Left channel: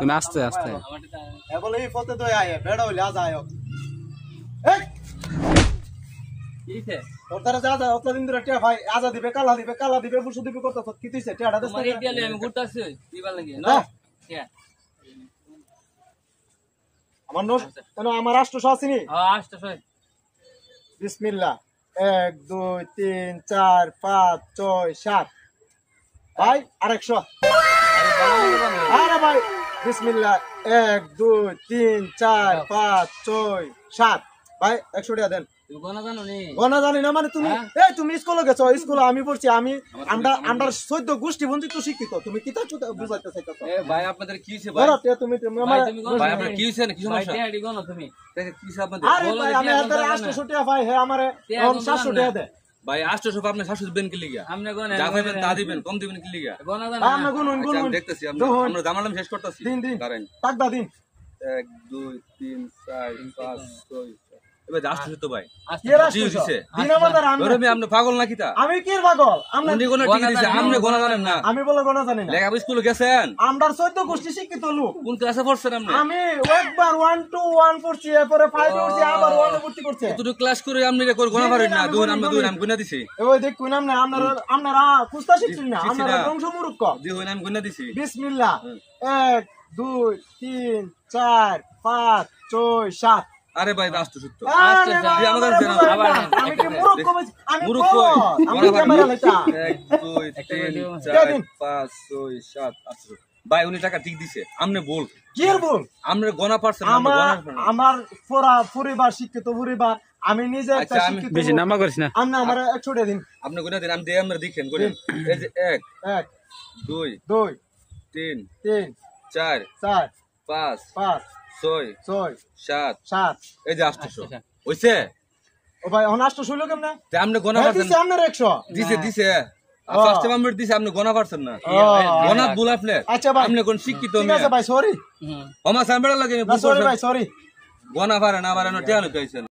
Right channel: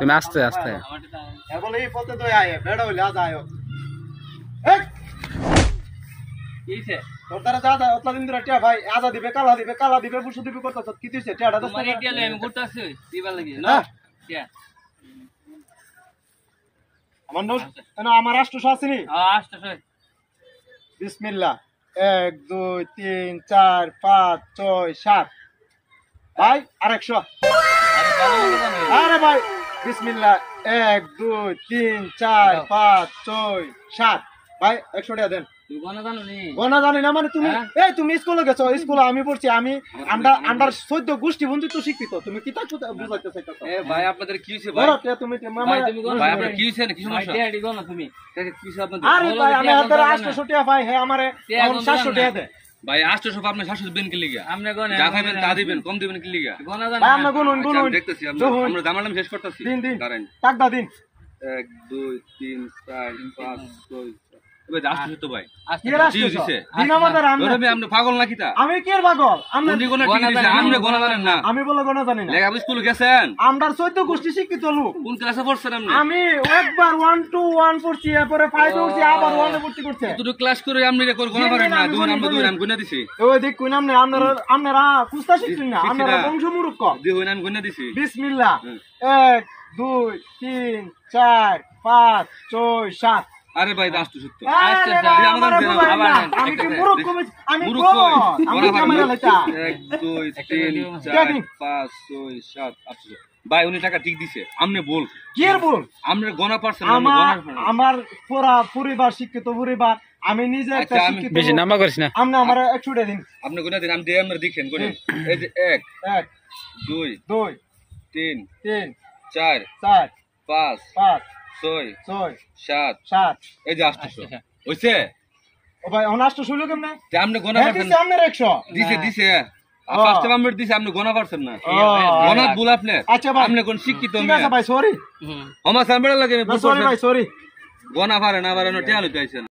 তুমি আস্তে আস্তে আমার রাষ্ট্র আসেনি বিসমিল্লাহ 1 2 3 4 5 6 7 ভাই আর 100 আরে ভাই বিসমিল্লাহ 1 2 3 4 5 6 7 ভাই 100 টাকা দেন গনা জানি না মানে তুমি এই তুমি স্কুলে গেছো স্কুলে আমি পড়ছি আমি আন্ডার 14 গোষ্ঠী বন্ধুত্ব শিক্ষিত তুমি কি তা বুঝাইতে চাইতাছো ভাই আপনাদের কি হইছে ভাই তুমি ভাই আপনাদের কি হইছে কি সমস্যা টেডি গনো তুমি কি হইছে আপনাদের আরে ভাই আমি হাতে 800 টাকা ভাই হে আমারে 700 টাকা দে ভাই 800 আপনি 700 দিবেন কি লিগা আমনে গনে যা পাইবেন তা দিবেন কম দিবেন কি লিগা গনা জানি ভাই আমরা গুনুন আমি দেখতেছি আমরা দামালাম শেষ করতেছি দাঁড়ান টাক দা দিন 1 2 3 4 5 6 এবার 800 তো ভাই কি রাষ্ট্র দিন আমাদের আপনি পাগল নাকি তা আমি কি পাগল আপনি কোন ঠিক দিছে আপনি গনা জানেন না আমি বলে গনা জানি না লেখা স্কুলে গেছেন আন্ডার 14 গোষ্ঠী শিক্ষিত লোক কোন ক্লাসে পড়ছেন আপনি আমি একবার 1 2 1 পড়ছি এরপরে 5 পড়ছি আবার 1 এ ভর্তি করছে তুই ক্লাস করে আপনি রে কোন গনা পারেন না দুই নাম গুনা দিছি ওই দেখ কোন নাম না আপনারা কুস্তা শিখছেন না আপনারা বংশমূর্খ দুই নাম গুনা দিছি বিসমিল্লাহ 1 2 3 4 5 6 7 আরে ভাই 870 আমি কি মূর্খ আমি মূর্খ আমি ক্যামেরা লাইতা 1 2 3 4 5 6 7 800 ভাই উনি টাকা ঠিক দিছে আমনে বল কি এর বল আমনে গনা পারছেন আমার পুরা পরিবার শিক্ষিত পরিবার আমি নিজে একটা শিক্ষিত বেশি নাম্বার করিস না আমনে আমার 100 টাকা দিন আপনি গুনা দিন আমি দেই আমরা দেখেন করেন এই যে 1 2 2 3 3 4 4 5 5 6 6 7 7 এই যে 800 হইছে ও ভাই অনাষ্ট শুইলো কেমনে তে আমনে গনা পারছেন দিছে আমনে 100 দিছে ফার্স্ট টাইম আমরা দিছে আপনি গনা পারছেন না গনা ভুল আপনি আচ্ছা ভাই আপনি কোন শিক্ষিত ঠিক আছে ভাই সরি আমার সামনে লাগে সরি ভাই সরি গনা পারে না পারে না টেয়া লইতে আইছেন